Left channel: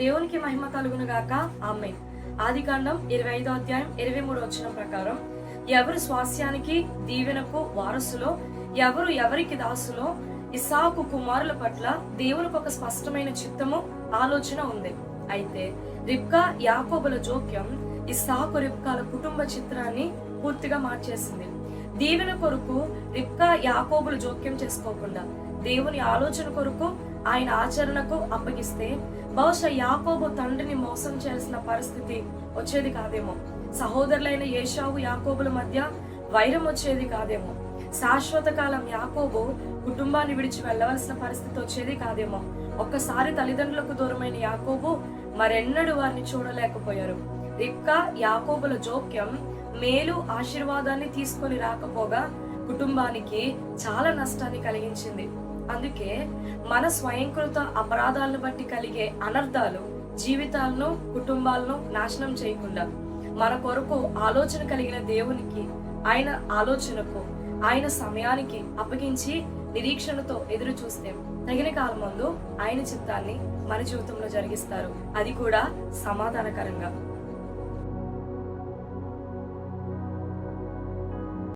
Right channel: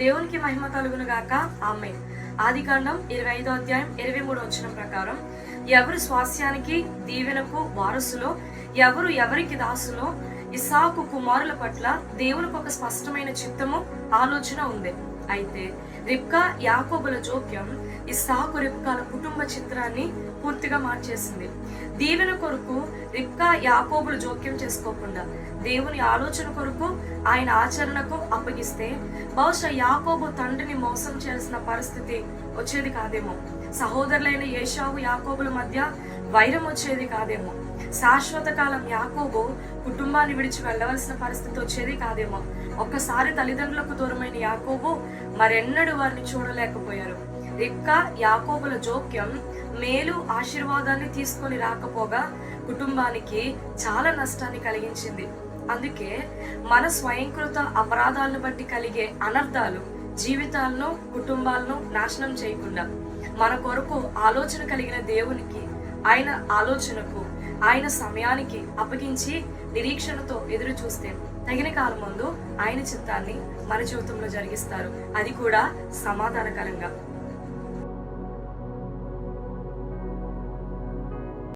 దేవునికి మహిమ కలుగును గాక. ఆమేన్. ఆదికాండం 25వ అధ్యాయం 23వ వచనం ప్రకారం, ఎవరు స్వాస్యానికి దీవెనకు వారసులో, ఎవరు ఎవరికి దాసులో, ఇస్సాకు కుమారుల పట్ల దేవునికి ఒక స్పష్టమైన చిత్తము, ఆలోచన ఉంది. అయితే రిబ్కా యాకోబుల జోక్యం ఇస్సాకు రిబ్కాల కుటుంబ చిత్రాన్ని పూర్తిగా మార్చేసింది. దీవెన కొరకు రిబ్కా యాకోబులు జోక్యం చేసుకోకుండా దేవుని ఆలోచన కొరకు ఆయన ఆచరణకు అప్పగిస్తే బహుశా యాకోబు తండ్రిని మోసం చేయాల్సిన పరిస్థితి వచ్చేది కాదేమో. సహోదరులైన ఏశావు యాకోబుల మధ్య వైరం వచ్చేది కాదేమో. శాశ్వత కాలం యాకోబు కుటుంబాన్ని విడిచి వెళ్ళవలసిన పరిస్థితి వచ్చేది కాదేమో. ఒక్కసారి తల్లిదండ్రులకు దూరమైన యాకోబు మరెన్నడూ వారిని చూడలేకపోయారు. రిబ్కా యాకోబుల జోక్యం మేలు ఆశీర్వాదాన్ని తీసుకొని రాకపోగా కుటుంబానికి చాలా నష్టాన్ని కలిగించింది. అందుకే మన స్వయంకృత అపరాధాలను బట్టి కలిగే అనర్థాలు జీవితాలను, కుటుంబాలను నాశనం చేయకుండా మన కొరకు ఆలోచన కలిగిన దేవునికి, ఆయన ఆలోచనకు, ఆయన సమయానికి అప్పగించి నిరీక్షణతో ఎదురు చూస్తే తగిన కాలం ముందు ఆయన చిత్తాన్ని మన జీవితంలో జరిగిస్తారు, అది కూడా సమాధానకరంగా.